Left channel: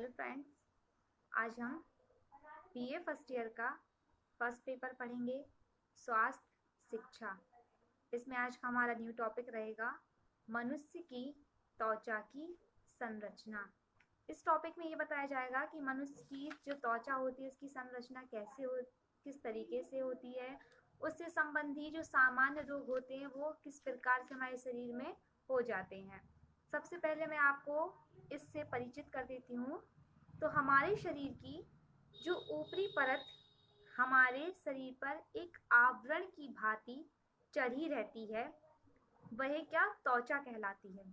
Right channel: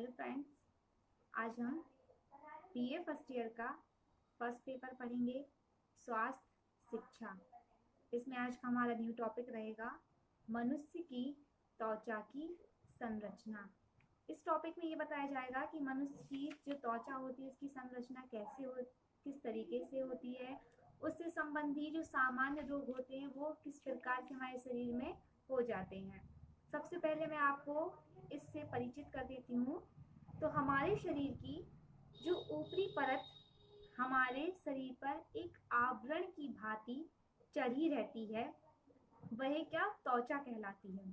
Hello friends, आज हम BA first year का फर्स्ट पेपर पढ़ेंगे, स्वास्थ्य शिक्षा। इसमें आज का हमारा न्यू टॉपिक रहेगा मनुष्य की त्वचा की संरचना। इस टॉपिक में ये बताया जाएगा कि मनुष्य की जो त्वचा होती है उसकी संरचना किस तरीके से होती है, उससे संबंधी जो सामान्य रोग होते हैं वो किस प्रकार से हमारे शरीर में हो जाते हैं। सबसे पहले मैं आपको इससे परिचित कर देती हूँ। तो हमारे शरीर की जो ऊपरी परत हमारे शरीर पर एक आवरण की भांति चढ़ी रहती है, वह क्या त्वचा कहलाती है।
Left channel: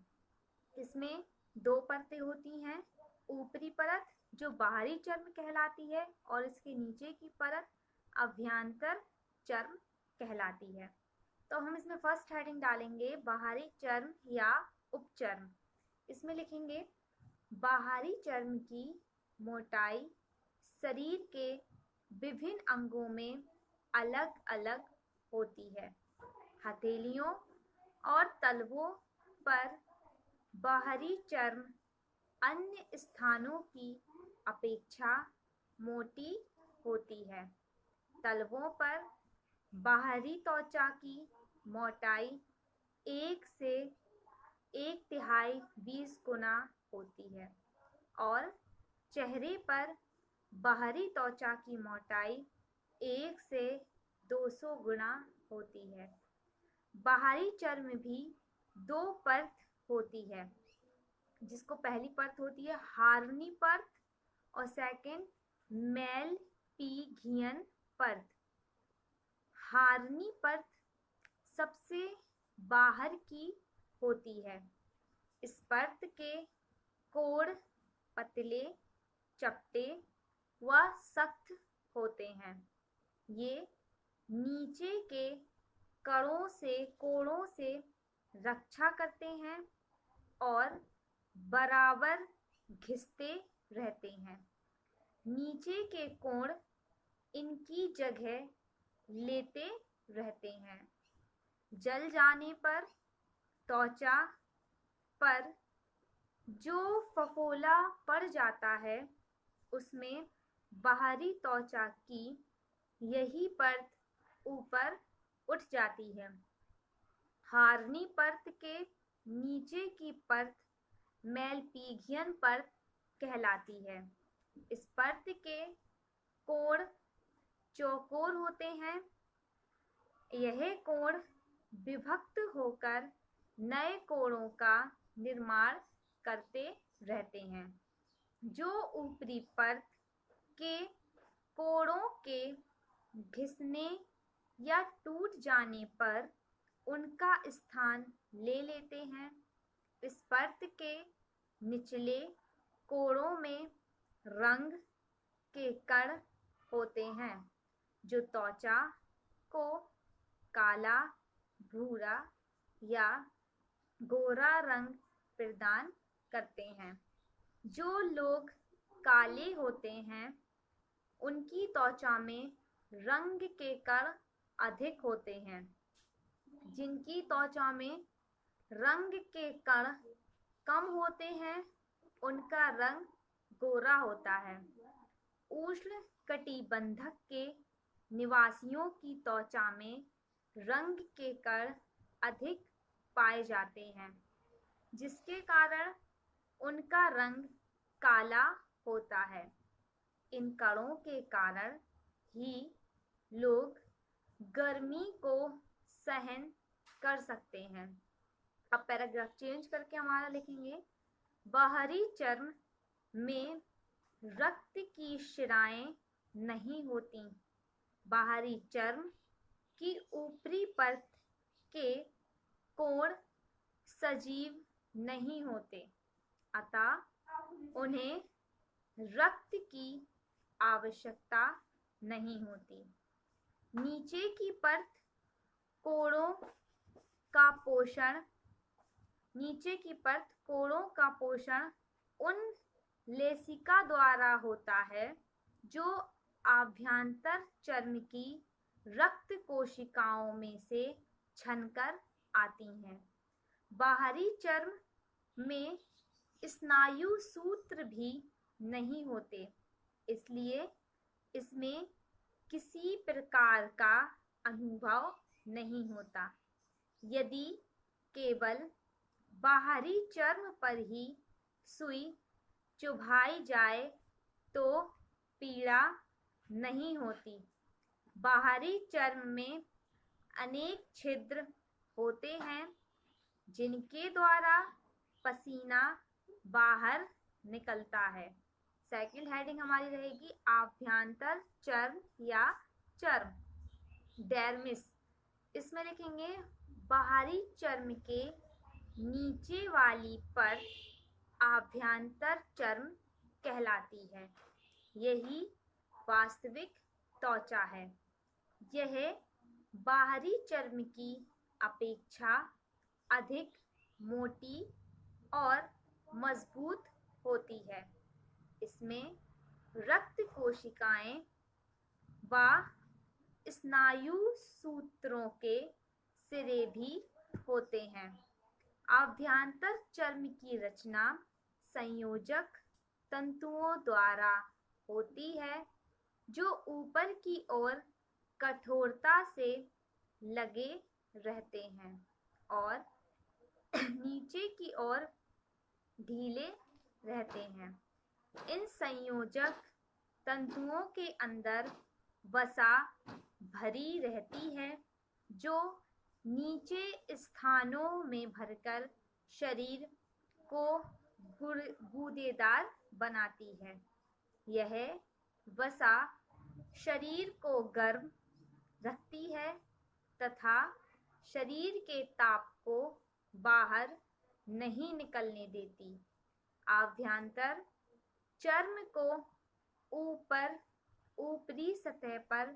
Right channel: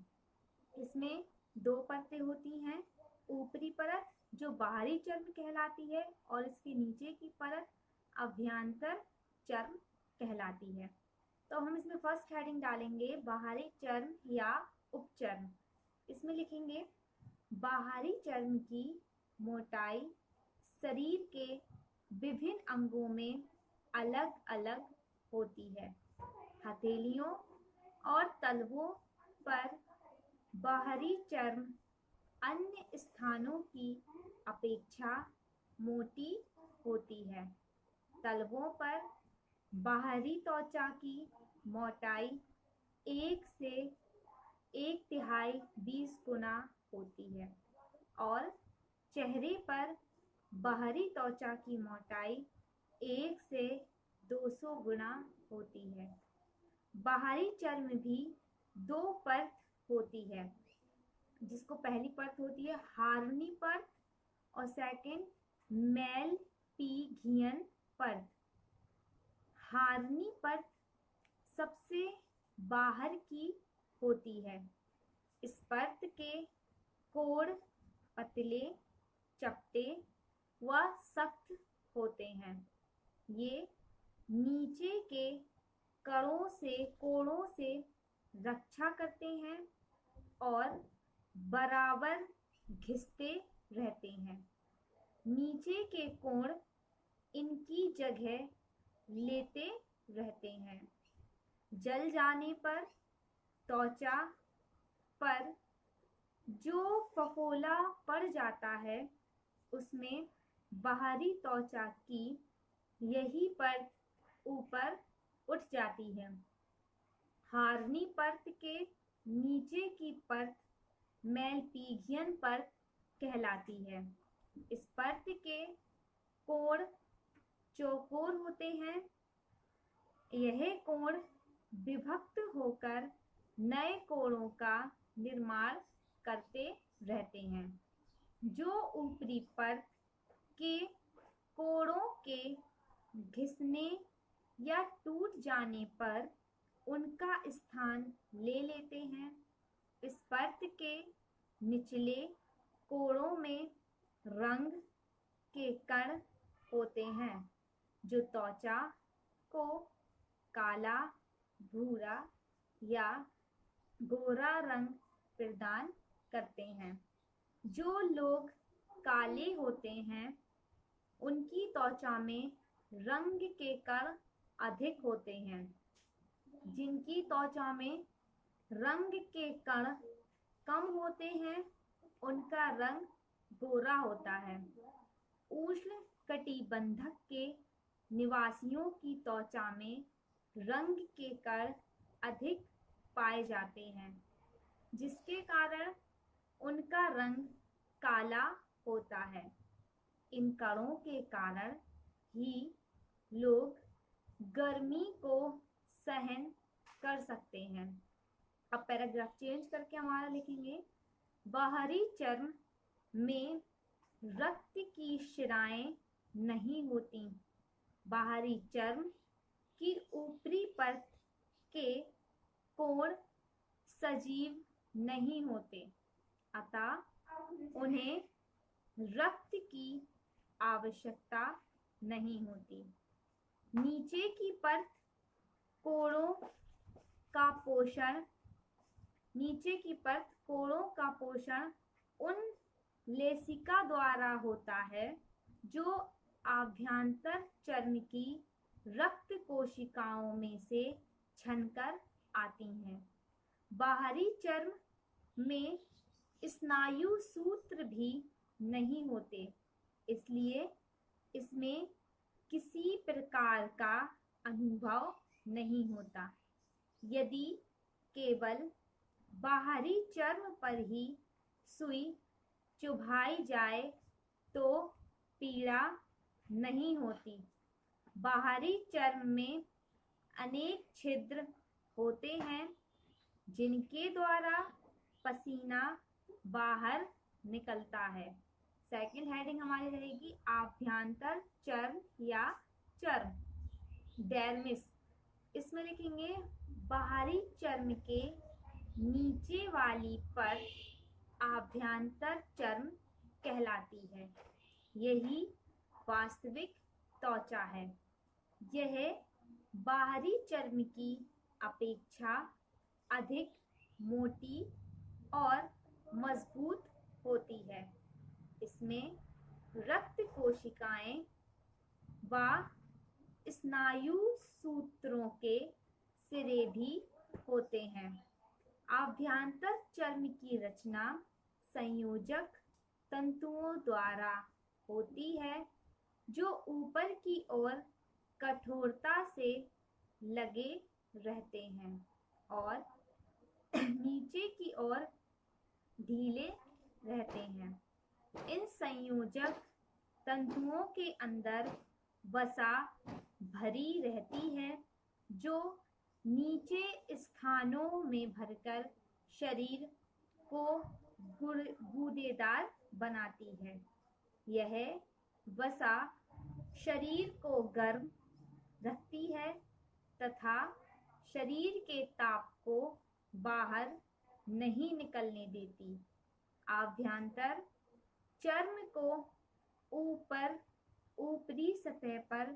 इसमें दो परतें होती हैं, ऊपरी परत जो बाहरी चर्म कहलाती है और इसके नीचे की परत अभ्यंतर चर्म कहलाती है। तो हम इसमें फर्स्ट हेडिंग डालेंगे बाहरी चर्म या उपचर्म। इसमें लिखेंगे बाहरी चर्म की मोटाई शरीर के विभिन्न अंगों में अलग अलग होती है। हथेलियों और तलवों पर बाहरी चर्म अन्य स्थानों की अपेक्षा मोटी होती है। तलवों पर बाहरी त्वचा की मोटाई 1 से 1/3 20 गुना होती है और चेहरे पर बाहरी त्वचा की मोटाई 1 से 200 गुना होती है। बाहरी चर्म भी 2 परत होती है, जिसको पहली परत होती है हार्नी परत और सेकंड मेलपिगियन परत। हार्नी परत सबसे बाहर की होती है। इस परत के कोण पतले, चपटे व सख्त होते हैं। ये नीचे के कोणों से रक्षा करते हैं और बराबर घिसते रहते हैं। नीचे के कोण इनकी जगह लेते रहते हैं। जल जाने पर त्वचा पर जो फफोला पड़ जाता है उसमें बाहरी त्वचा की यही परत ऊपर उठ जाती है। हार्नी परत के नीचे की परत मेलपिगियन परत कहलाती है। इस परत के कोण चौकोर होते हैं। यह कोण विभक्त होकर नए कोणों का निर्माण करते रहते हैं। जो ऊपरी परत के कोणों के घिसने या टूट जाने पर उनका स्थान ले लेते हैं। इस परत के निचले कोणों में रंग के कण होते हैं जो त्वचा को काला, भूरा या गोरा रंग प्रदान करते हैं। जो लोग काले होते हैं उनकी त्वचा में रंग के कण अधिक होते हैं। जिनकी त्वचा में रंग के कण कम होते हैं उनका रंग गोरा होता है। उष्ण कटिबंधक के निवासियों की त्वचा में रंग के कण अधिक पाए जाते हैं, जिसके कारण उनका रंग काला होता है। इन कणों के कारण ही लोग गर्मी को सहन कर सकते हैं। अब पैराग्राफ चेंज करके हमारा लिखेंगे बाहरी चर्म में रक्त की शिराएं नहीं होती। बाहरी चर्म की ऊपरी परत के कोण सजीव नहीं होते, अतः उन्हें रक्त की आवश्यकता नहीं होती। नीचे की परत कोणों का पोषण उन लेसिका द्वारा होता है जो आभ्यंतर चर्म की रक्त कोशिकाओं में से छनकर आती हैं। बाहरी चर्म में स्नायु सूत्र भी नहीं होते, इसलिए इसमें किसी प्रकार का अनुभव नहीं होता। यदि केवल बाहरी चर्म पर ही सुई चुभाई जाए तो पीड़ा नहीं होती। बाहरी चर्म में अनेक छिद्र होते हैं जिनके द्वारा पसीना बाहर निकलता है। सेकंड हेडिंग हमारी रहेगी आभ्यंतर चर्म या चर्म, डर्मिस। इसमें लिखेंगे बाहरी चर्म के नीचे वाली परत आभ्यंतर चर्म कहलाती है। यही वास्तविक त्वचा है। यह बाहरी चर्म की अपेक्षा अधिक मोटी और मजबूत होती है। इसमें रक्त कोशिकाएं व स्नायु सूत्रों के सिरे भी होते हैं। आभ्यंतर चर्म की रचना संयोजक तंतुओं द्वारा होती है जो ऊपर की ओर कठोरता से लगे रहते हैं और नीचे की ओर ढीले रहते हैं। इन संयोजक तंतुओं के अंदर वसा भरी रहती है जो नीचे स्थानों में भरकर शरीर को गूदेदार बनाती है। यह वसा शरीर को गर्म रखती है तथा शरीर के ताप को बाहर नहीं निकलने देती। आभ्यंतर चर्म को ऊपरी सतह पर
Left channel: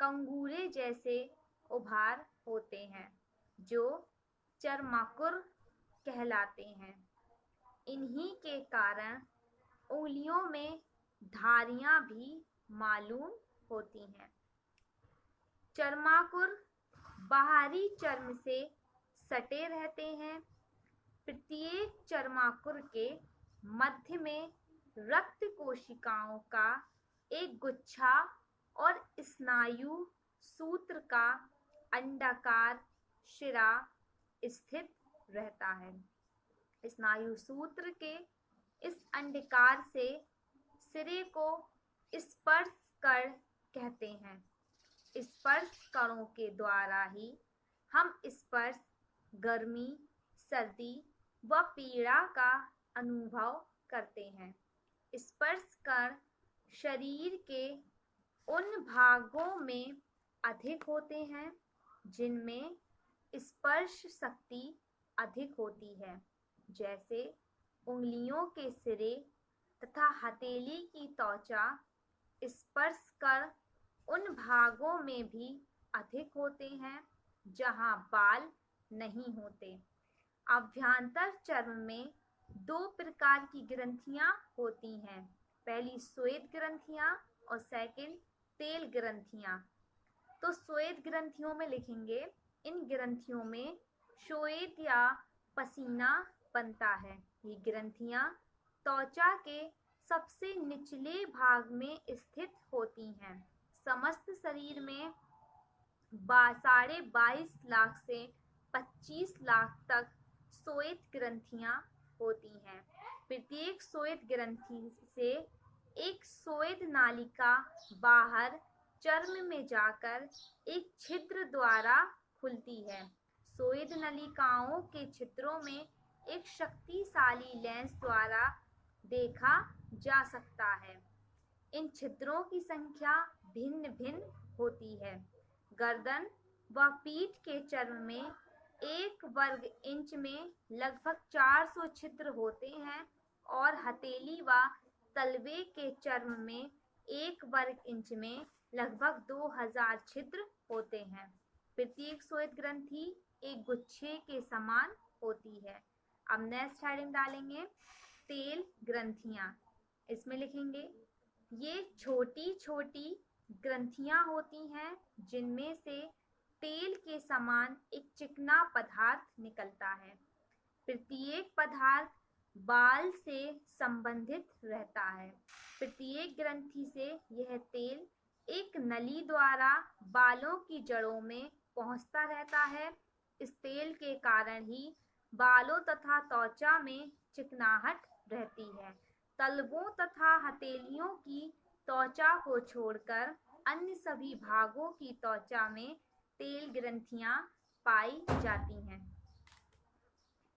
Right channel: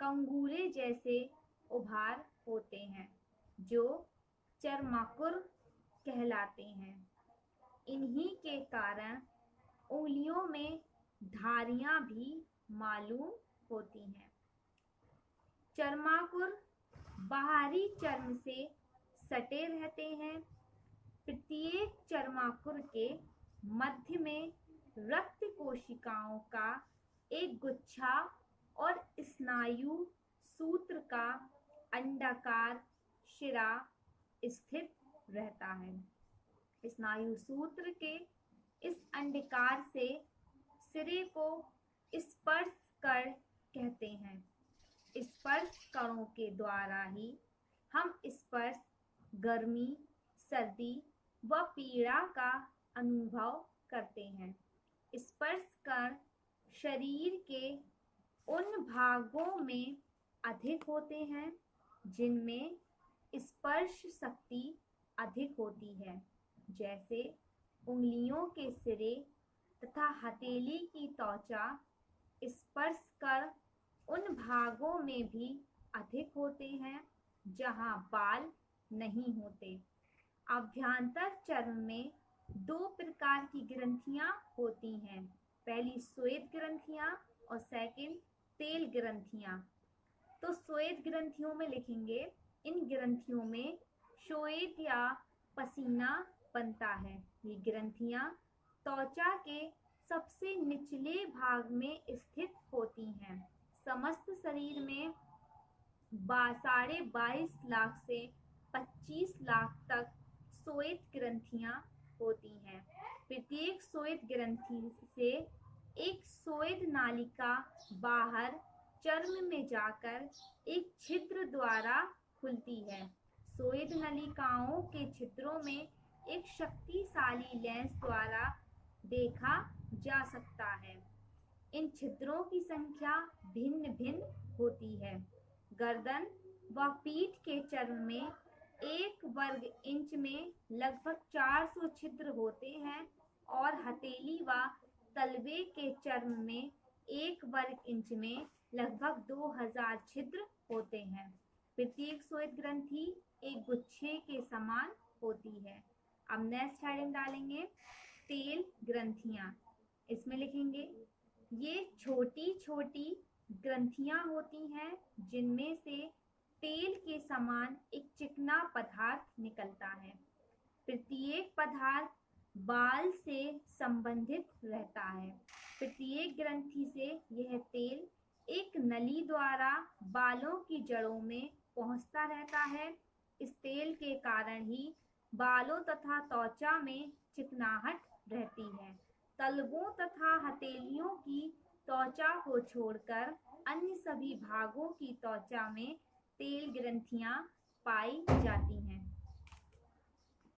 कंगूरे जैसे उभार होते हैं जो चर्माकुर कहलाते हैं। इन्हीं के कारण उंगलियों में धारियां भी मालूम होती हैं। चर्माकुर बाहरी चर्म से सटे रहते हैं। प्रत्येक चर्माकुर के मध्य में रक्त कोशिकाओं का एक गुच्छा और स्नायु सूत्र का अंडाकार शिरा स्थित रहता है। स्नायु सूत्र के इस अंडाकार से सिरे को स्पर्श कण कहते हैं। स्पर्श कणों के द्वारा ही हम स्पर्श, गर्मी, सर्दी व पीड़ा का अनुभव करते हैं। स्पर्श कण शरीर के उन भागों में अधिक होते हैं जिनमें स्पर्श शक्ति अधिक होती है, जैसे उंगलियों के सिरे तथा हथेली की त्वचा। स्पर्श कण उन भागों में भी अधिक होते हैं जहां बाल नहीं होते। आभ्यंतर चर्म में दो प्रकार की ग्रंथियां होती हैं। पहली श्वेत ग्रंथियां और सेकंड तेल ग्रंथियां। तो श्वेत ग्रंथियों में लिखेंगे इन ग्रंथियों में श्वेत या पसीना बनता है। ये ग्रंथियां त्वचा के सबसे निचले भाग में स्थित होती हैं। समस्त शरीर में 22.5 लाख से 25 लाख तक श्वेत ग्रंथियां होती हैं। प्रत्येक श्वेत ग्रंथि से एक श्वेत नालिका बाहर चर्म में जाकर एक छिद्र द्वारा खुलती है। श्वेत नलिकाओं के छिद्रों में एक शक्तिशाली लेंस द्वारा देखा जा सकता है। इन छिद्रों की संख्या भिन्न भिन्न होती है। गर्दन व पीठ के चर्म में 1 वर्ग इंच में लगभग 400 छिद्र होते हैं और हथेली व तलवे के चर्म में 1 वर्ग इंच में लगभग 2000 छिद्र होते हैं। प्रत्येक श्वेत ग्रंथि एक गुच्छे के समान होती है। अब नेक्स्ट हेडिंग डालेंगे तेल ग्रंथियां। इसमें लिखेंगे ये छोटी छोटी ग्रंथियां होती हैं जिनमें से तेल के समान एक चिकना पदार्थ निकलता है। प्रत्येक पदार्थ बाल से संबंधित रहता है। प्रत्येक ग्रंथि से यह तेल एक नली द्वारा बालों की जड़ों में पहुंचता रहता है। इस तेल के कारण ही बालों तथा त्वचा में चिकनाहट रहती है। तलवों तथा हथेलियों की त्वचा को छोड़कर अन्य सभी भागों की त्वचा में तेल ग्रंथियां पाई जाती हैं।